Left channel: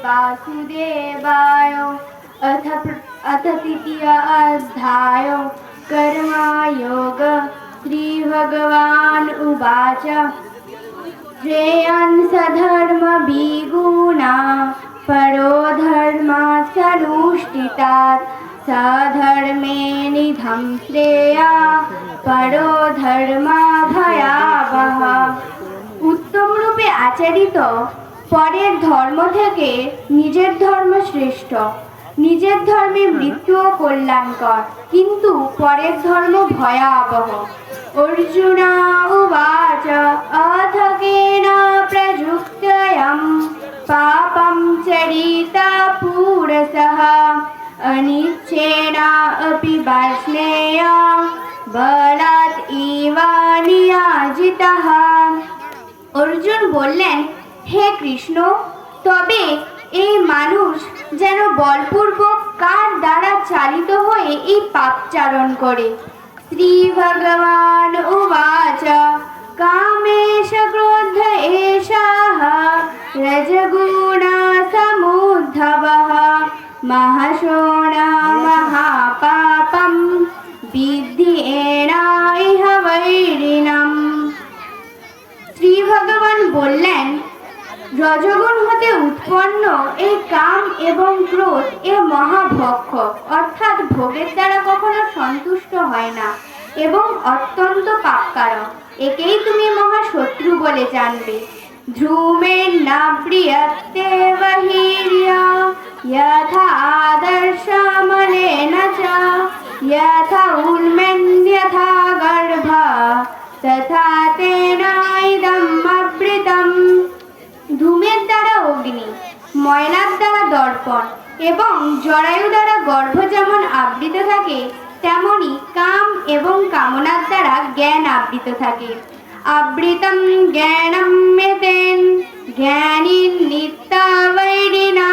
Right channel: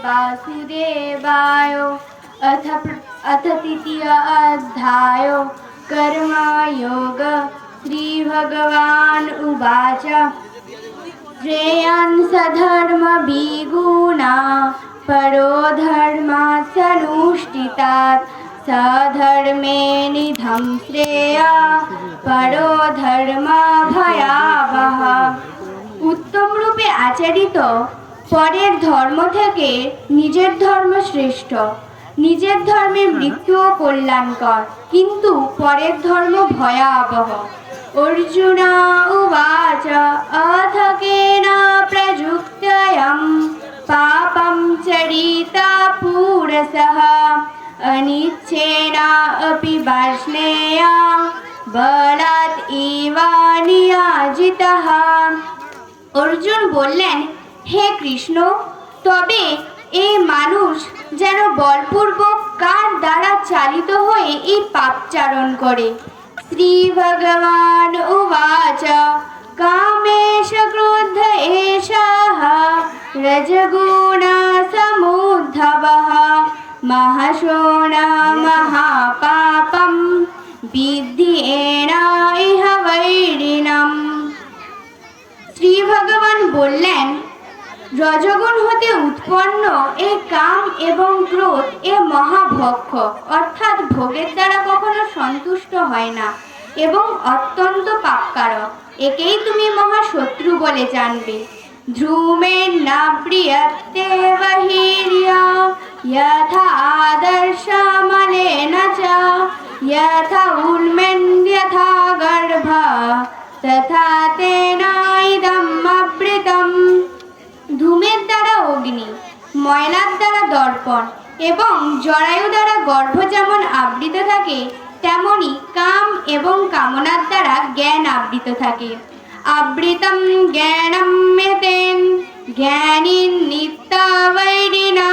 वासुदेवाय। अथ तृतीय अध्याय कर्मयोग। श्रीभगवान् उवाच श्रेयान् सधर्मभिगुणा परो धर्मात्सनुष्ठितात् सधर्मे निधं श्रेया परो धर्मभयावह। उत्तम रूपে আচরিত পরের ধর্ম থেকে নিজের ধর্ম শ্রেষ্ঠ। নিজের ধর্মে মৃত্যুও কল্যাণকর, কিন্তু পরের ধর্ম ভয়াবহ। অর্জুন উবাচ অথ কেন প্রযুক্তয়ং পাপং চরিতা পুরসঃ অনিচ্ছেন अपि वार्ष्णेय বলাৎ ইব নিয়োজিতঃ। অর্জুন বললেন, হে কৃষ্ণ, তবে এই মানুষ যেন বলপূর্বক কার দ্বারা চালিত হয়ে এই পাপচারণ করে? শ্রী ভগবান উবাচ কামেশ ক্রোধ এষঃ রজগুণ সমুদ্ভবঃ মহাশোণঃ মহাপাপম বিদ্ধি এনৈহ বৈরিণম। শ্রী ভগবান বললেন, রজগুণ হতে উৎপন্ন এই কাম এবং ক্রোধ এ মহাভক্ষ, অর্থাৎ ভোগের দ্বারা কখনো সন্তুষ্ট হয় না এবং অত্যন্ত পাপকারক। একেই তুমি মহাশত্রু বলে জানবে। ধ্রুমেণ না প্রিয়তে বহির্য যথা আদর্শমলেন চ যথা উন্মেন যথা গর্ভ তথা তেন ইদম আবৃতম। ধূমের দ্বারা অগ্নি, ময়লার দ্বারা দর্পণ এবং জরায়ু দ্বারা গর্ভ যেমন আবৃত থাকে, তেমনি কাম এবং কামনার দ্বারা জ্ঞান আবৃত থাকে। আবৃতম জ্ঞানম মেতেন জ্ঞানী নিত্যবৈরিণা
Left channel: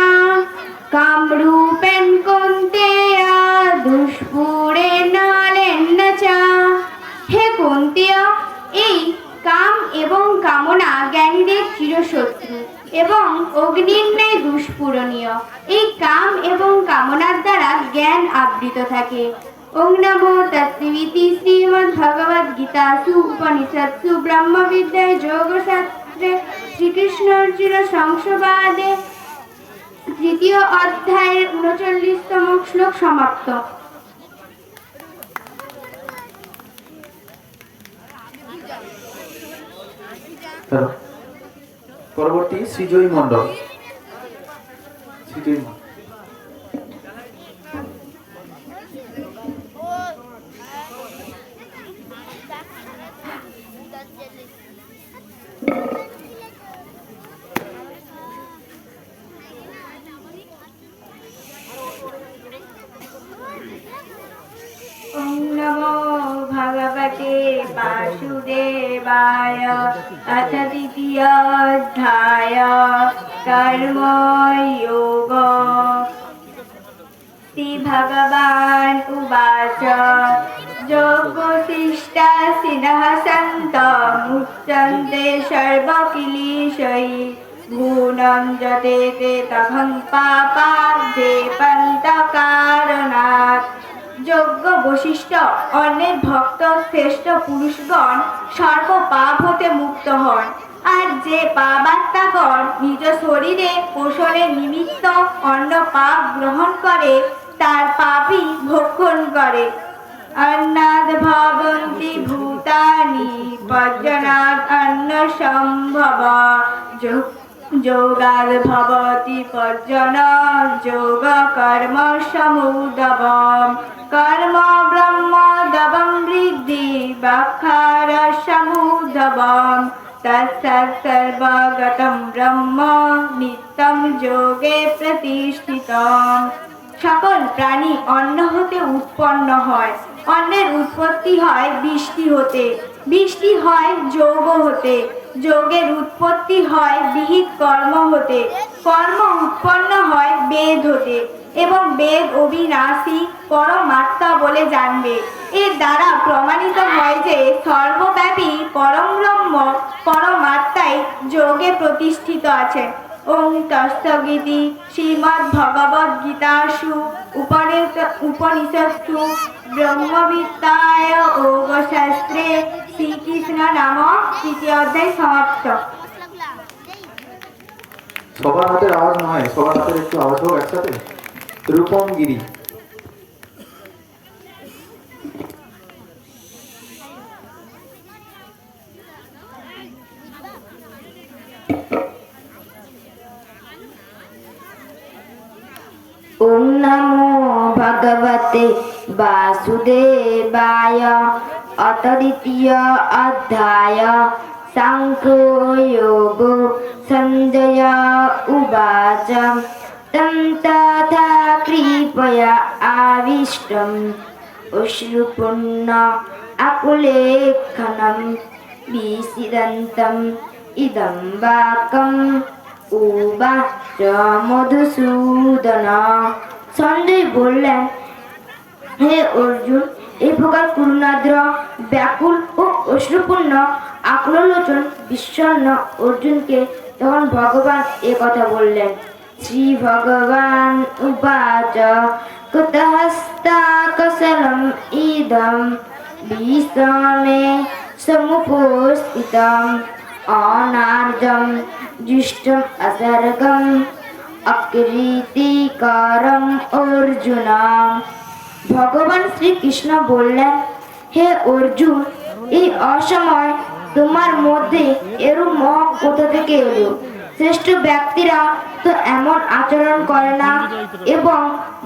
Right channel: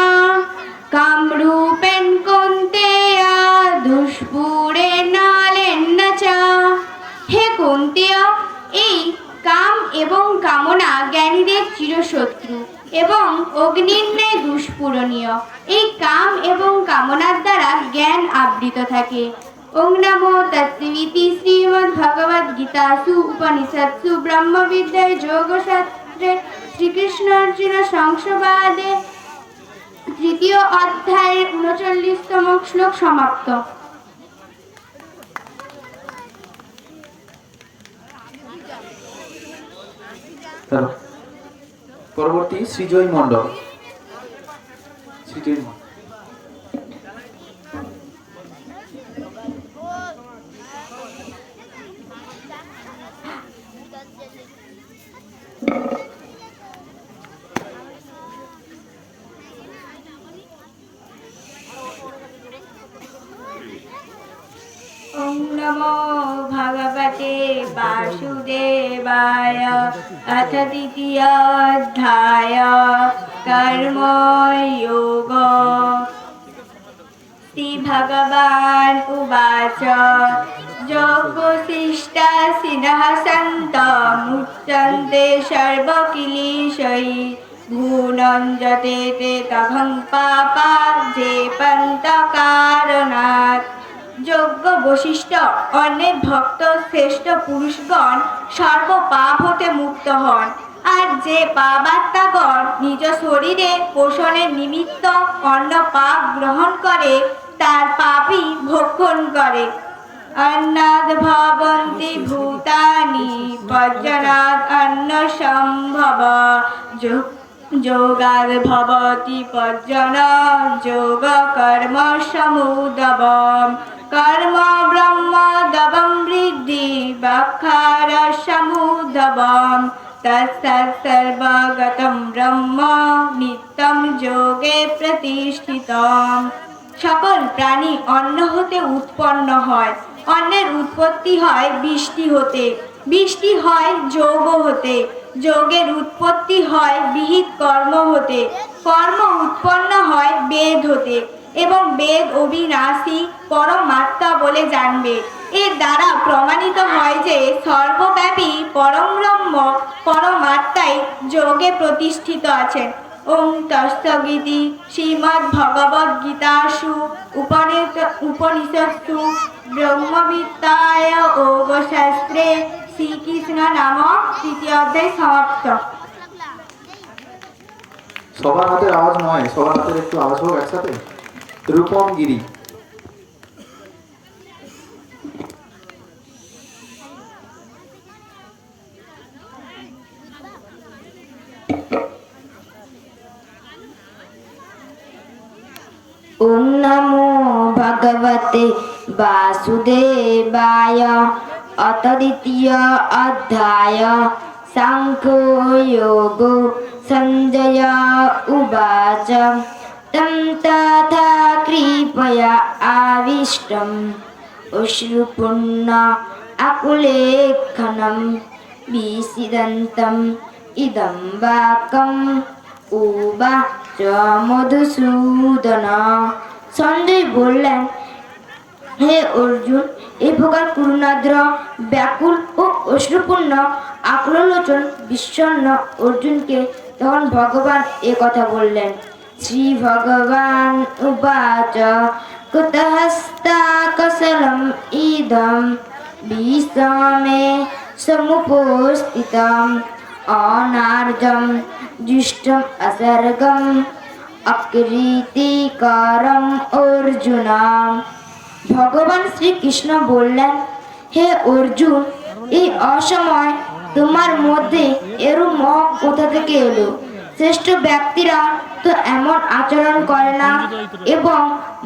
কামরূপেণ কৌন্তেয় দুষ্পুরেণ নলেন চ। হে কৌন্তেয়, এই কাম এবং কামনা জ্ঞানীদের চিরশত্রু এবং অগ্নির ন্যায় দুষ্পূরণীয়। এই কাম এবং কামনার দ্বারা জ্ঞান আবৃত থাকে। ওং নমো তৎসদিতি। শ্রীমদ্ভগবদ্গীতাসু উপনিষৎসু ব্রহ্মবিদ্যায় যোগশাস্ত্রে শ্রীকৃষ্ণ অর্জুন সংসবাদে তৃতীয় অধ্যায়ের ৩৯তম শ্লোক সমাপ্ত। পরবর্তী শ্রীজয়ী মণ্ডল। ওং নমো ভগবতে বাসুদেবায়। অথ তৃতীয় অধ্যায় কর্মযোগ। শ্রী ভগবান উবাচ যোগশিষ্টাসিনঃ সন্তঃ মুচ্যন্তে সর্বকিলেশৈঃ গুণং যতেতে তভং পাপা যে পন্তকারণাৎ। যোগ্য বশিষ্ঠ, অন্যের ভক্ত শ্রেষ্ঠ পুরুষগণ সর্ব পাপ হতে মুক্ত হন, আর যে পাপাত্মাগণ নিজ শরীরে পোষণের নিমিত্ত অন্য পাপ গ্রহণ করে তার পাপই ভক্ষণ করে। অন্নাদ ভবন্তি ভূতানি পর্জনাদ অন্ন সম্ভব যোগাদ ভবতি পর্জন যোগ কর্ম সমুদ্ভবম কর্ম ব্রহ্ম দবম বৃদ্ধি বক্ষার সমুদ্ভবম তৎসৎ সর্বগতম ব্রহ্ম নিত্যম যোগে প্রতিষ্ঠিতম। সকল প্রাণী অন্ন হতে উৎপন্ন হয়। অন্নের উৎপত্তি হয় বৃষ্টি হতে, বৃষ্টি হয় যোগ হতে, যোগের উৎপত্তি হয় বিহিত কর্ম হতে, কর্ম উৎপন্ন হয় বেদ হতে, এবং বেদ অবিনাশী পরমাত্মা বলে জানবে। এর দ্বারা প্রমাণিত হয় যে সর্বব্যাপী পরম ব্রহ্ম পরমাত্মাই যোগে প্রতিষ্ঠিত আছেন। ওং তৎসদিতি শ্রীমদ্ভগবদ্গীতাসু উপনিষৎসু ব্রহ্মবিদ্যায় যোগশাস্ত্রে শ্রীকৃষ্ণ নাম তৃতীয় অধ্যায় সমাপ্ত। সবার হাতের আওয়াজ নয়, সবার হাতের একটু আওয়াজ হোক একসাথে। রূপমগিরি। ওং নমো ভগবতে বাসুদেবায়। অত দ্বিতীয় অধ্যায় সাংখ্যযোগো। সঞ্জয় উবাচ তং তথা কৃপয়া আবিষ্টম অশ্রুপূর্ণ আকুলেক্ষণম বিসিদন্তম ইদং বাক্যম উবাচ মধুসূদন। সঞ্জয় বললেন, হে অর্জুন, এই প্রকার করুণাদ্র ব্যাকুল ও অশ্রুপূর্ণ আকুললোচন বিষণ্ণ অর্জুনকে তখন ভগবান এ কথা বললেন। শ্রী ভগবান উবাচ কুতহস্তাকসলম ইদম বিশ্বমে সমুপস্থিতম অনার্জম जुष्टम असर्गम অকৃতিকারম অর্জুন। ভগবান শ্রীকৃষ্ণ বললেন, হে অর্জুন, এই অসময় তোমার মধ্যে এরূপ মোহ কোথা থেকে এলো? শ্রেষ্ঠ ব্যক্তিরা তো এমন আচরণ করে না এবং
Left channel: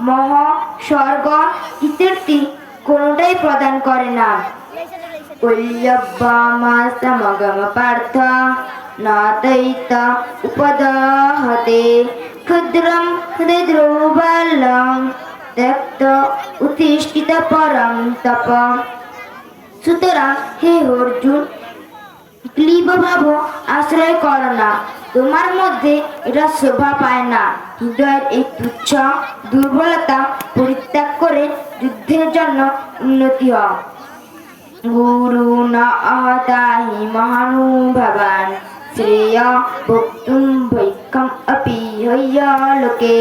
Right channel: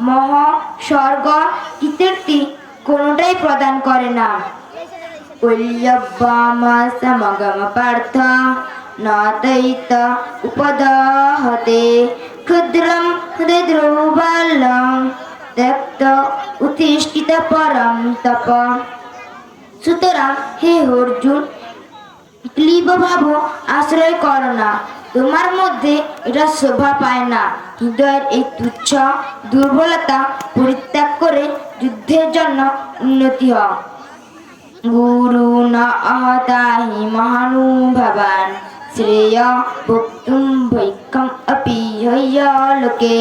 মোহ, স্বর্গ, কীর্তি কোনোটাই প্রদান করে না। কল্যব্বামাসমগম পার্থ নাতৈত উপদাহতে ক্ষুদ্রম হৃদরৌবাল্যম ত্যক্ত উত্তিষ্ঠিত পরম তপ। সুতরাং হে অর্জুন, ক্লীব ভাব আশ্রয় কর না, তোমার মধ্যে এটা শোভা পায় না। হৃদয়ের এই তুচ্ছ দুর্বলতা পরিত্যাগ করে যুদ্ধের জন্য উন্নতি হও। গুরু না আহতাহি মহানুভবান শ্রেয় ভোক্তুম ভৈক্ষম অপি হ্যলোকে।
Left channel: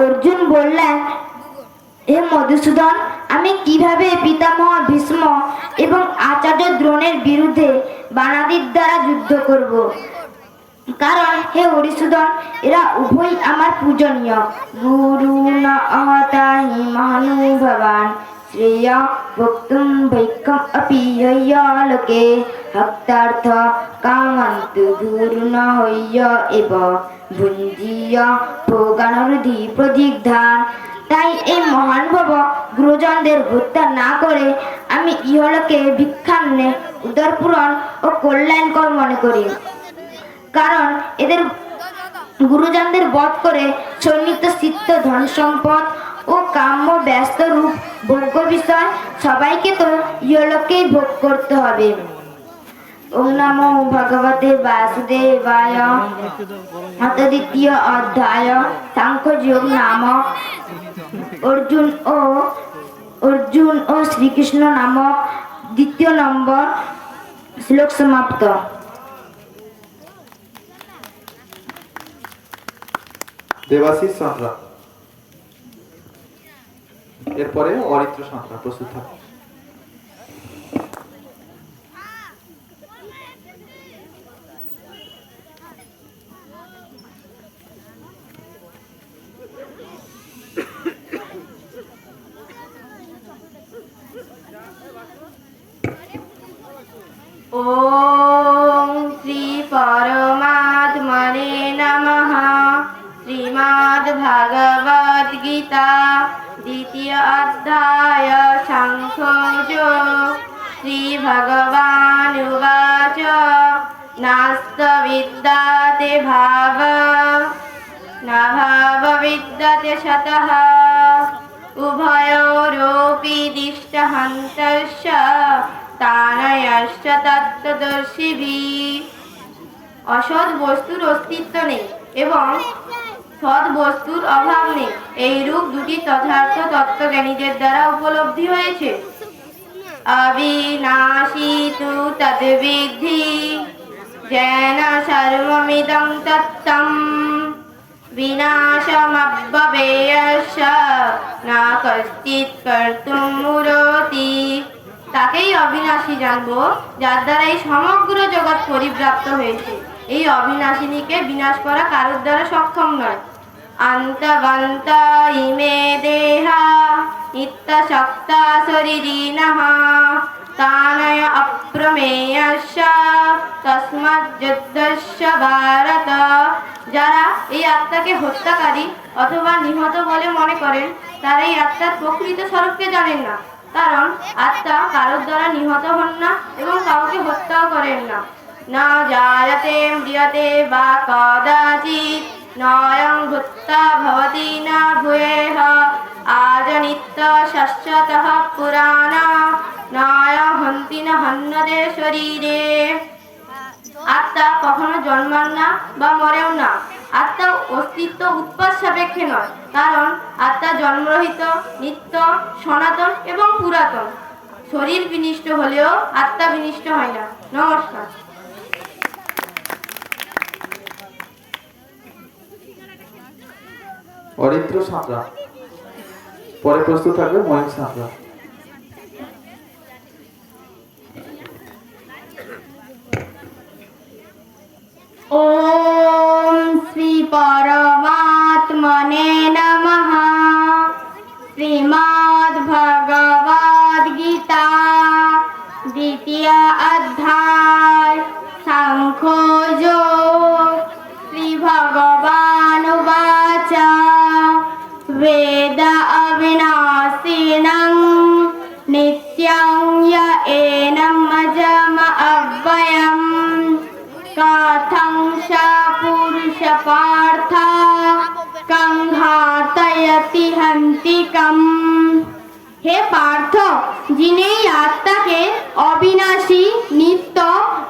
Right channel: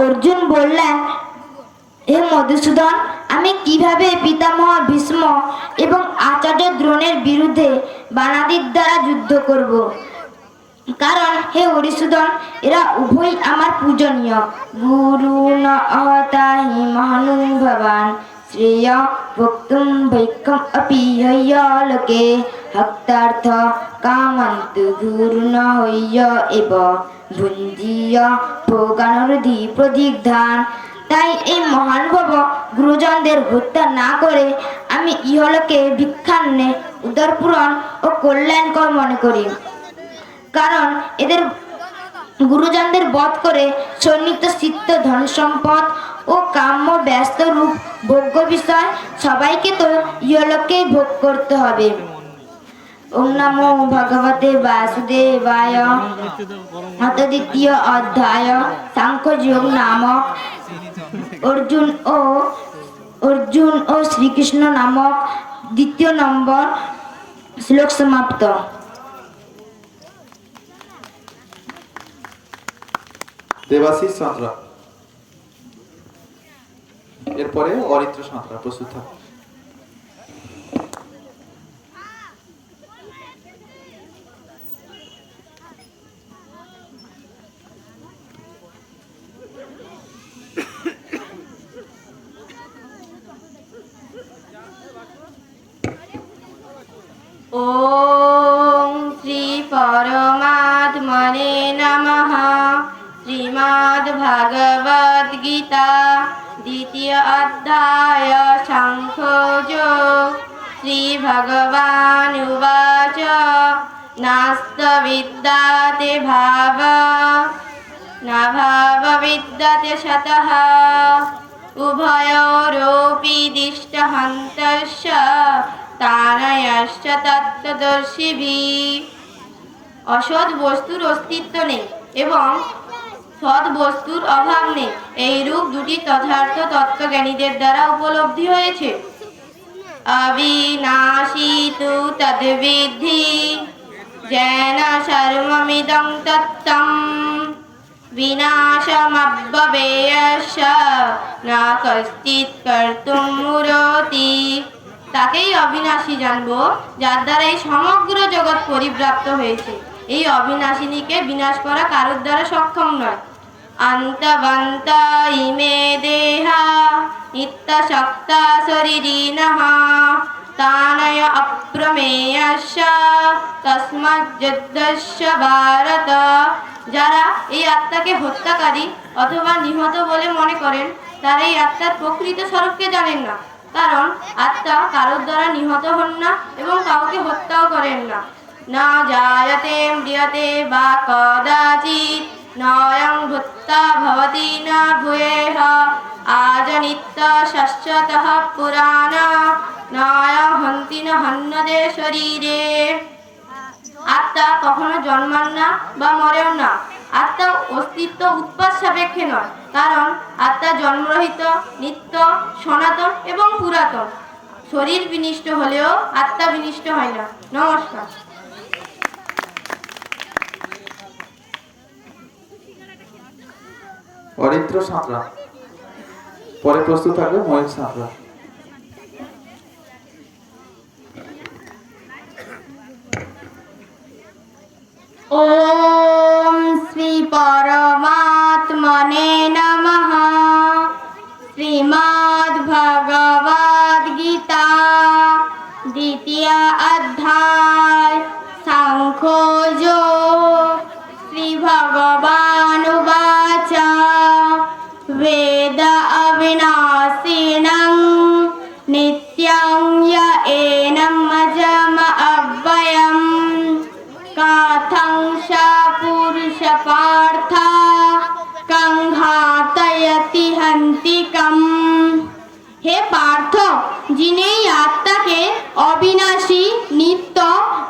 অর্জুন বললেন, হে মধুসূদন, আমি কিভাবে পিতামহ ভীষ্ম এবং আচার্য দ্রোণের বিরুদ্ধে বানাদির দ্বারা যুদ্ধ করব? কারণ হে হরিসূদন, এরা উভয় আমার পূজনীয়। গুরু নহতাহি মহানুভবান শ্রেয় ভোক্তুম ভৈক্ষম অপি হ্যলোকে হক্তার্থ কামন্তু গুরুণ হ্য এব ভুঞ্জীয় ভোগানুরুধি প্রদিগ্ধান। তাই এই মহানুভব গুরুজনদের হত্যা না করে আমি ইহলোকে ভিক্ষান্নে উদরপূরণ ও কল্যাণকর মনে করি। কারণ এদের গুরুজনদের বধ করে সন্নিহিত চিত্ত ধন সম্পদ ও কাম্য ব্যস্ত রূপ ভোগ্য বিষয় সবাইকে তো ইহলোকেই ভোগ করতে হবে। ওম নমো ভগবতে বাসুদেবায়। অত দ্বিতীয় অধ্যায় সাংখ্যযোগ নামক অর্জুন ও শ্রীকৃষ্ণ নামক দ্বিতীয় নম্বর শ্লোক সমাপ্ত। দেবাশিস সাঁতরা, এরপরে অরিত্র সাঁতরা প্রস্তুত থাকে। ওম শ্রী পরমাত্মনে নমঃ। শ্রীমদ্ ভাগবত গীতা দ্বিতীয় অধ্যায় সাংখ্যযোগ। শ্রী ভগবান উবাচ নাস্ত বিদ্যাতে ভাব না ভাব বিদ্যাতে সতঃ উভয়োরপি দৃষ্টহন্তস্য তানয়শ্চ তত্ত্বদর্শিভিঃ। অসৎ বস্তুর অস্তিত্ব নেই এবং সৎ বস্তুর অভাব নেই। এই রূপ দুটি যথার্থ তত্ত্বজ্ঞানীদের দ্বারা উপলব্ধি হয়েছে। অবিনাশী তু তদ্বিদ্ধি জ্ঞান সর্বমিদং তত্ত্বম বিনাশমব্যবেয়স্য না কশ্চিৎ কর্তুম মুরতি। তাকেই অবিনাশী জানবো যার দ্বারা এই সমগ্র জগৎ পরিব্যাপ্ত হয়েছে। এই অবিনাশিনীকে বিনাশ করা কারোর দ্বারা সক্ষম নয়। অন্তবন্ত ইমে দেহা নিত্য শক্তা শরীরিণঃ তানয় অপ্রমেয়স্য তস্মাৎ যুদ্ধস্য ভারত। যারা এই আত্মাকে হত্যাকারী অথবা নিহত বলে মনে করেন তারা এই আত্মার প্রকৃত স্বরূপকে জানেন না। কারণ আত্মা কারোর দ্বারা নিহত হন না এবং কাউকে হত্যাও করেন না। না জায়তে ম্রিয়তে বা কদাচিৎ নয়ং ভূত্বা ভবতি না ভূয়েহ আজনিত্য শাশ্বতঃ পুরাণ নয় হন্তি না হন্যতে শরীরে। আত্মা কখনো জন্মান না বা মরেও না। আত্মা অস্তিত্ব উৎপাদ সাপেক্ষে নয়, কারণ আত্মা জন্মরহিত, নিত্য, সনাতন এবং পুরাতন। শরীর বিনষ্ট হলেও আত্মা বিনষ্ট হয় না। নমস্কার। অরিত্র সাঁতরা, পরে প্রস্তুত থাকবে ময়ূর সাঁতরা। ওম শ্রী পরমাত্মনে নমঃ। শ্রীমদ্ ভগবদ গীতা দ্বিতীয় অধ্যায় সাংখ্যযোগ। শ্রী ভগবানুবাচ বেদ অবিনাশিনং নিত্যং য় এনং অজম অব্যয়ম কাথং স পুরুষ পার্থ কং ঘাতয়তি হন্তিকম। হে পার্থ, যিনি এই আত্মাকে অবিনাশী, নিত্য,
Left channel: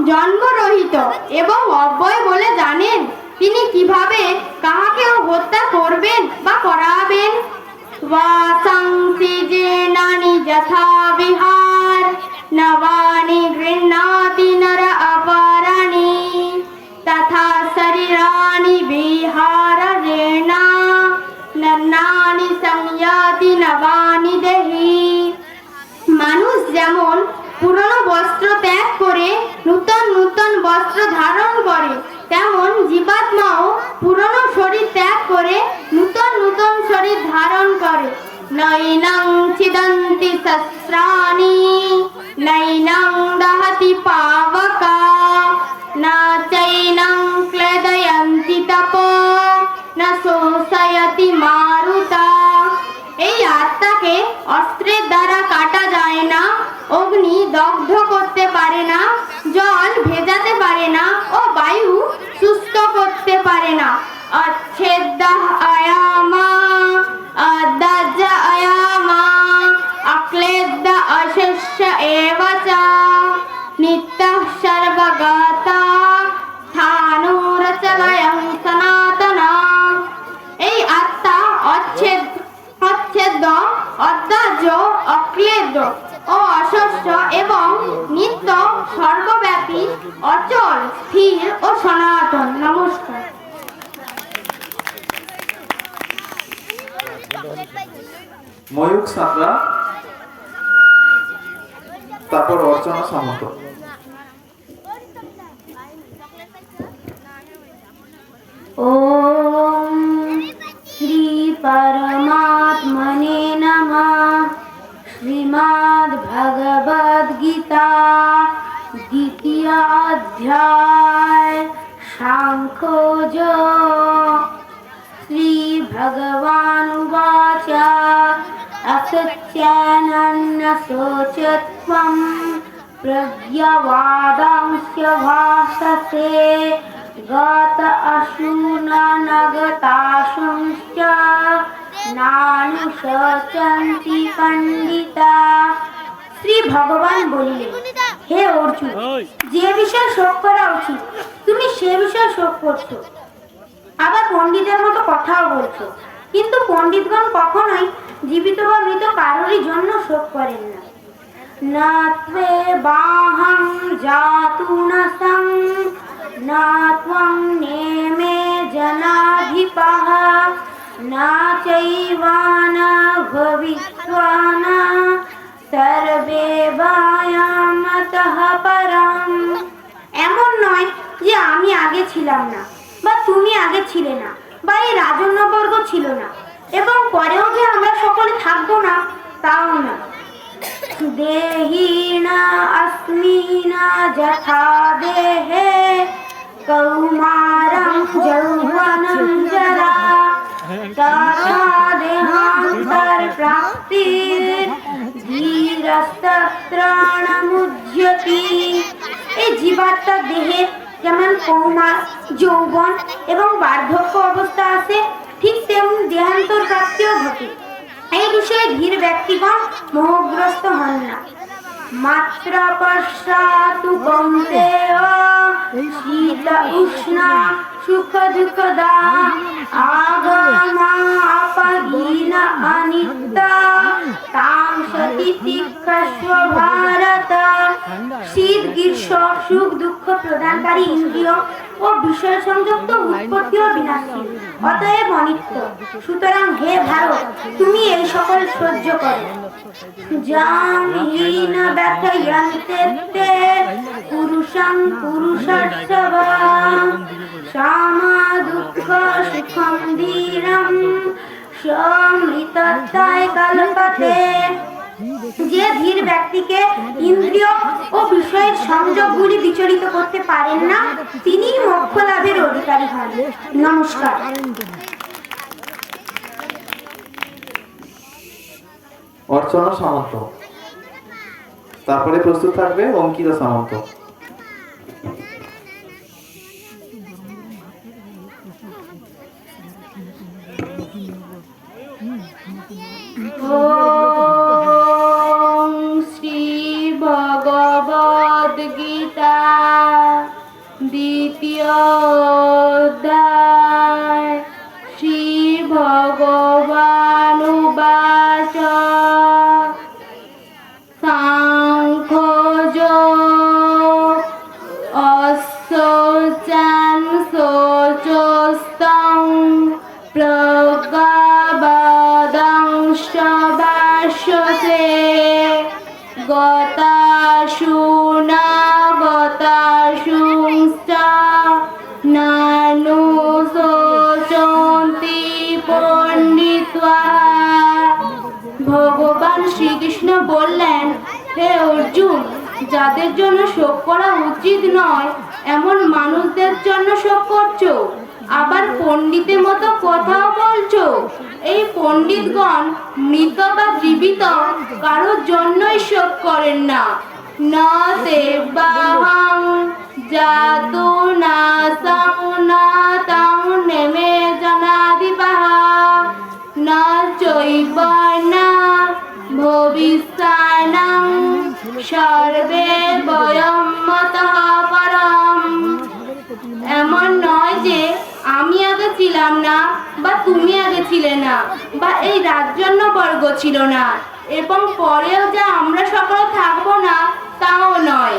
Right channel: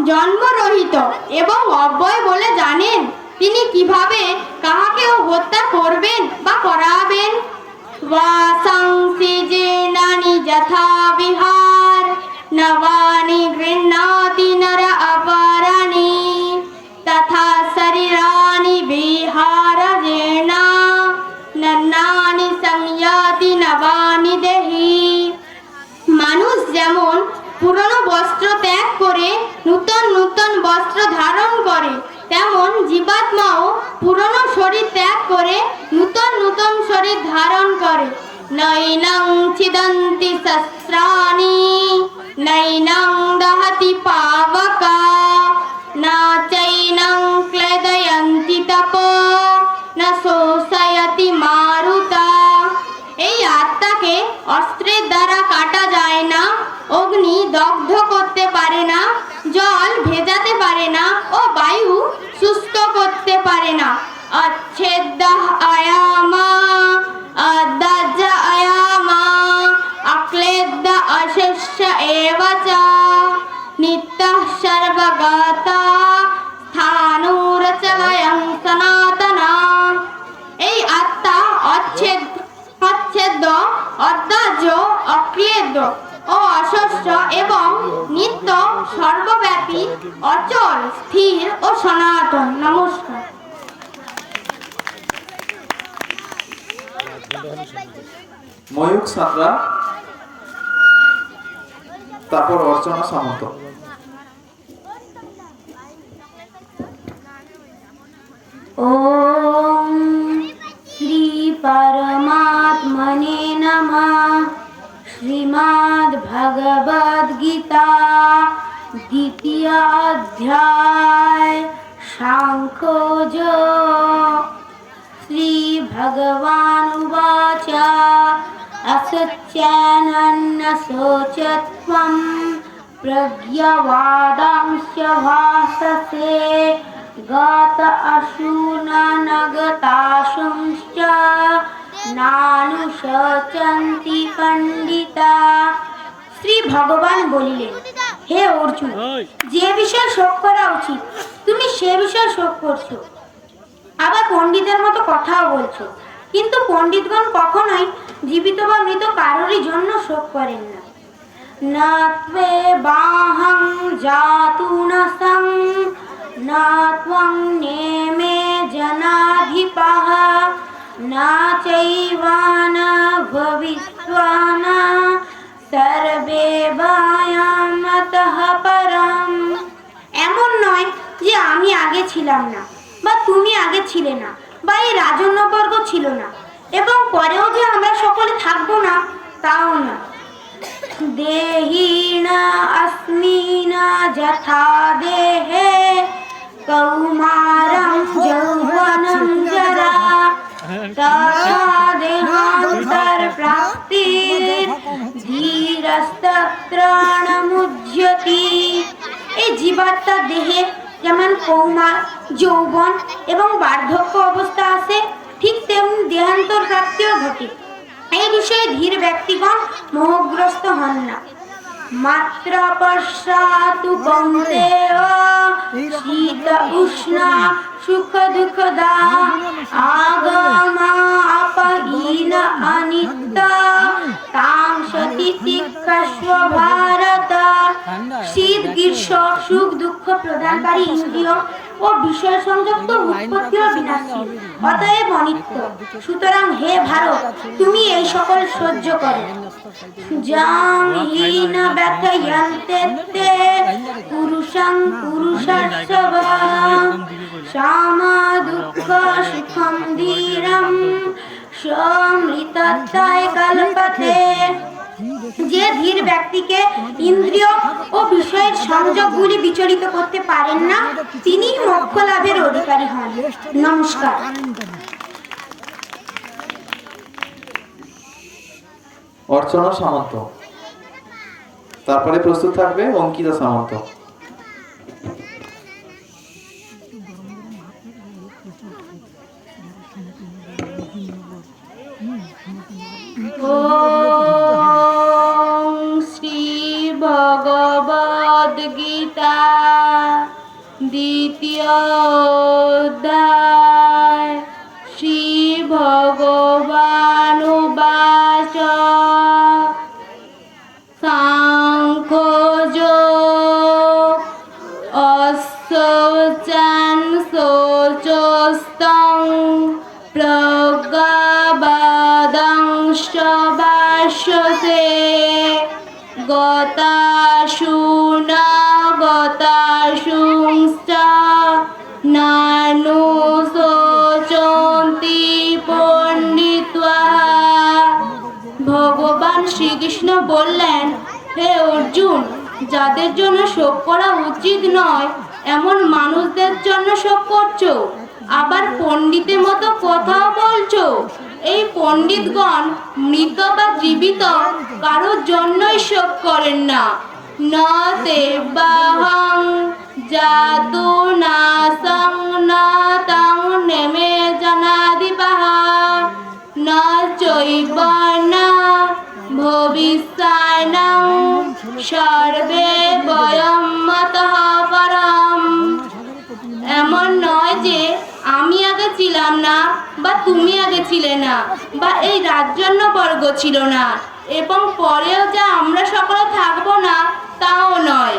জন্মরহিত এবং অব্যয় বলে জানেন, তিনি কিভাবে কাহাকেও হত্যা করবেন বা করাবেন? বাসাংসি জীর্ণানি যথা বিহার নবানি গৃহ্ণাতি নর অপরাণি তথা শরীরানি বিহার জীর্ণা নন্নানি সংয়াতি নবানি দেহি। মানুষ যেমন পুরনো বস্ত্র ত্যাগ করে নূতন নূতন বস্ত্র ধারণ করে, তেমন জীবাত্মাও পুরনো শরীর ত্যাগ করে নূতন নূতন শরীর ধারণ করে। নৈনং ছিদন্তি শস্ত্রাণি নৈনং দহতি পাবকা না চৈনং ক্লেদয়ন্তি তপো না শোষয়তি মারুতা। এই আত্মাকে অস্ত্রের দ্বারা কাটা যায় না, অগ্নি দগ্ধ করতে পারে না, জল ভেজাতে পারে না ও বায়ু সুস্থ করতে পারে না। অচ্ছেদ্য আয়ামা অদাজ্য আয়ামা অক্লেদ্য অশেষ্য এব চ নিত্যঃ সর্বগতা স্থাণুরচলয়ং সনাতনা। এই আত্মা অচ্ছেদ্য, অদাজ্য, অক্লেদ্য ও অশস্য এবং নিত্য, সর্বব্যাপী, অচল, স্থির ও সনাতন। নমস্কার। ময়ূর সাঁতরা, তারপর অর্চনা সামন্ত। ওম শ্রী পরমাত্মনে নমঃ। শ্রীমদ্ ভগবদ গীতা দ্বিতীয় অধ্যায় সাংখ্যযোগ। শ্রী ভগবানুবাচ असत्यानन्न शोचत्वं प्रज्ञवादांश्च भाससे गत अशूननगताशुंश्च नानुशोचन्ति पंडिता। শ্রী ভগবান বলিলেন, হে অর্জুন, যে বিষয়ে শোক করা উচিত তুমি সে বিষয়ে শোক করছো, আবার পণ্ডিতের মতো কথাও বলছো, কিন্তু পণ্ডিতগণ কখনোই জীবিত বা মৃত কারোরই জন্য শোক করেন না। না ত্বে বাহং জাতু না সং, না ত্বং নেমে জনাধিপাহ, না চৈবানা ভবিষ্যানা সর্বে বায়ামতঃ পরম। এমন নয় যে আমি আগে ছিলাম না, বা তুমি আগে ছিলে না, বা এই রাজন্যবর্গ ছিল না, এবং পরেও যে আমরা সকলে থাকবো না তাও না। দেহিনা अस्मिना যথা দেহে কৌমারং যৌবনং জরা, তথা দেহান্তর প্রাপ্তির ধীরস্তত্রাণমুহ্যতি। এই জীবাত্মার দেহে যেমন কৌমার, যৌবন এবং বার্ধক্য অবস্থা আছে, ঠিক তেমনি দেহান্তর প্রাপ্তিও ঘটে। এই বিষয়ে ধীর ব্যক্তিগণ মোহগ্রস্ত হন না। মাত্র পশ্চাতু কৌন্তেয় শীত উষ্ণ সুখ দুঃখদা আগমা আপহীন অনিত্য তাং সতি শিক্ষস্ব ভারত। শীত গ্রীষ্ম সুখ দুঃখ প্রদানকারী ইন্দ্রিয় ও বিষয় সংযুক্ত উৎপত্তি ও বিনাশী, অতএব অনিত্য। সুতরাং হে ভারত, তুমি এই সকল সহ্য করো। জামিহীন ব্যথয়ন্তে তে পুরুষং পুরুষার্থবাং, সামা দুঃখ সুখং ধীরম সমৃতত্বায় কল্পতে। যে ধীর ব্যক্তিকে ইন্দ্রিয় ও বিষয়ের সংযোগগুলি বিচলিত করতে পারেন না, তিনি মোক্ষ লাভের অধিকারী হন। নমস্কার। অর্চনা সামন্ত, তারপরে প্রস্তুত থাকবে অঙ্কিতা সামন্ত। ওম শ্রী ভগবদ গীতা দ্বিতীয় অধ্যায়। শ্রী ভগবানুবাচ সাংখ্যযোগ অশৌচং শৌচস্তং প্রজ্ঞাবাদাংশ ভাষ্যতে গতাসু ন গতাসুশ্চ নানু শোচন্তি পণ্ডিত্বা। ভগবান শ্রীকৃষ্ণ বললেন, হে অর্জুন, যাদের জন্য শোক করা উচিত নয় এমন মানুষদের জন্য শোক করছো, আবার পণ্ডিতের মতো কথাও বলছো। এই পণ্ডিতগণ মৃত বা জীবিত কারোর জন্যই শোক করেন না। না তে বাহং জাতু না সং না তাং নেমে জনাধিপাহ, না চৈবনা ভবিষ্যানং সর্বে বয়ম্মতঃ পরম। এমন নয় যে আমি আগে ছিলাম না, বা তুমি আগে ছিলে না, বা এই রাজন্যবর্গ ছিল না, এবং পরেও যে আমরা সকলে থাকবো না তাও নয়।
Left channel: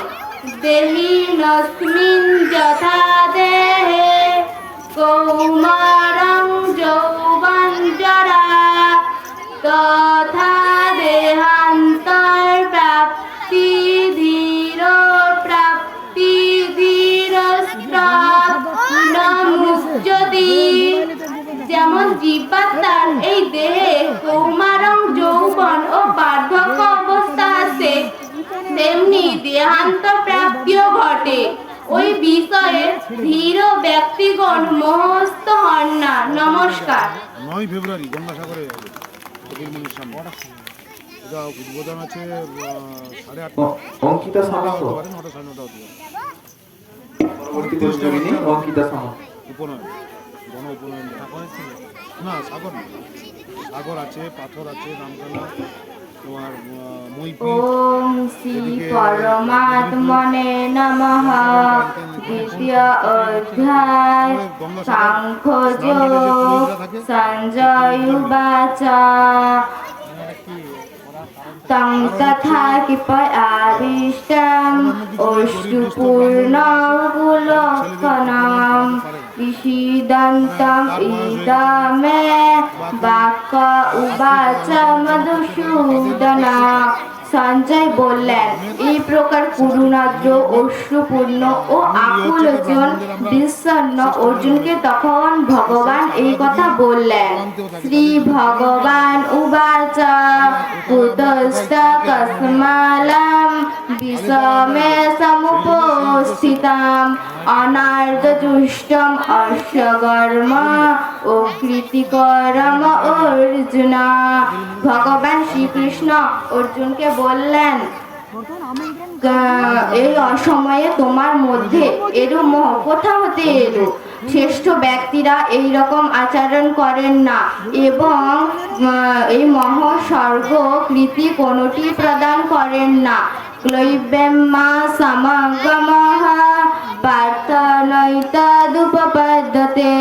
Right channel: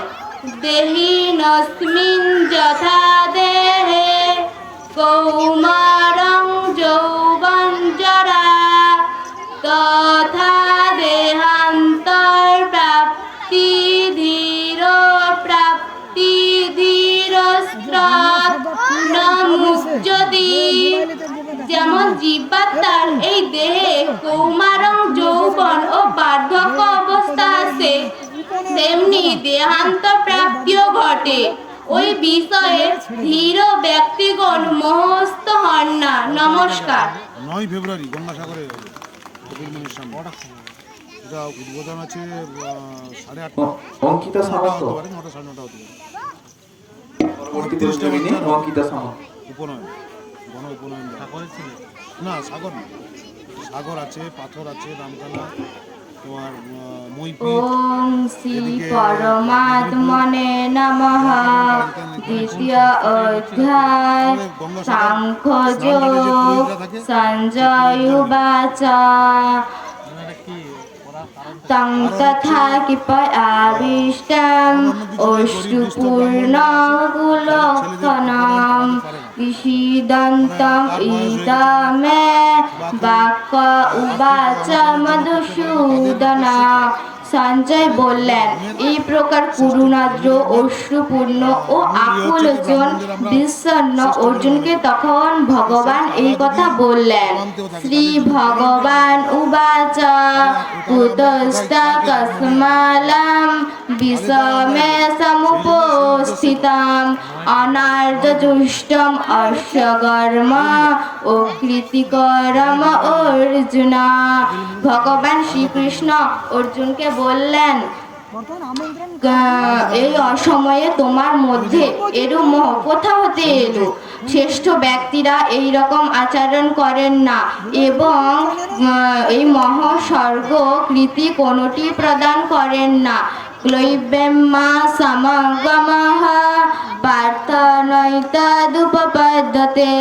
দেহিনস্মিন যথা দেহে কৌমারং যৌবন জরা, তথা দেহান্তর প্রাপ্তি ধীর প্রাপ্তি ধীরস্ত্রমুচ্যতি। যেমন জীবাত্মার এই দেহে কৌমারং যৌবন ও বার্ধক্য অবস্থা আছে, তেমনি দেহান্ত প্রাপ্তিও ঘটে। ওই বিষয়ে ধীর ব্যক্তিগণ মোহস্থ হন না। নমস্কার। 9 ফেব্রুয়ারি গঙ্গাসাগরে হবে কপিলমুনির সামনে। এটা উদ্বোধন আছে 8:30 অঙ্কিতা সামন্ত, 9টা 9:30 হতে পারে। পরবর্তী প্রশ্নবিনী অঙ্কিতা সামন্ত। উপনয়ন, গণ উপনয়ন না, সাগর না, সাগর আছে, পাথর আছে, রামকানা, তোমার মৈত্রী ওম শ্রী পরমাত্মনে নমঃ। দ্বিতীয় অধ্যায় সাংখ্যযোগ। সঞ্জয় উবাচ তং তথা কিপয়াবিষ্টং অশ্রুপূর্ণকুলক্ষণম বিষীদন্তং ইদমে বাক্য উবাচ মধুসূদনা। সঞ্জয় বললেন, এই প্রকার করুণাদ্র অশ্রুপূর্ণ ও আকুলজন বিষণ্ণ অর্জুনকে তখন ভগবান এই কথা বললেন। শ্রী ভগবান উবাচ কুতস্থ কস্মালম বিষমে সমুপস্থিতাম অনার্যজুষ্টম অশ্বগর্ম ও কৃতিকরম অর্জুন। ভগবান শ্রীকৃষ্ণ অর্জুনকে বললেন, এই অসময়ে তোমার মধ্যে এরূপ মোহ কোথা হতে এলো? শ্রেষ্ঠ ব্যক্তিরা এই রকম আচরণ করেন না এবং এই মহাস্বর্গ কৃতি কোনটি প্রদান করেন না। ক্লৈবেম্মা সমাগমঃ পার্থ নৈতদুপপদ্যতে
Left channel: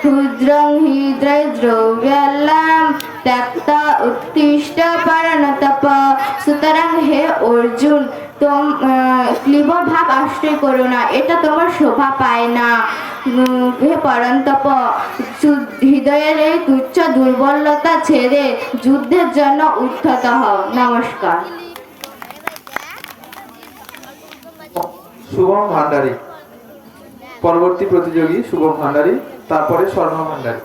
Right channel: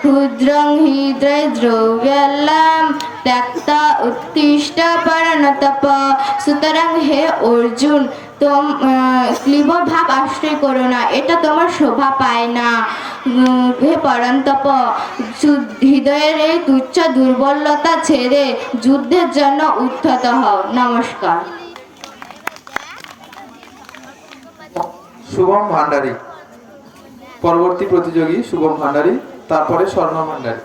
ক্ষুদ্রং হি দ্রব্যাল্লাম ত্যক্তা উত্তিষ্ঠ পরণতপ। সুতরাং হে অর্জুন, ক্লীব ভাব আশ্রয় করো না, এটা তোমার শোভা পায় না। হে পরন্তপ, হৃদয়ের এই তুচ্ছ দুর্বলতা ছেড়ে যুদ্ধের জন্য উদ্ধত হও। নমস্কার। শুভম ভান্ডারী পরবর্তী প্রতিযোগী, শুভম ভান্ডারী, তারপরে স্বর্ণ ভান্ডারী।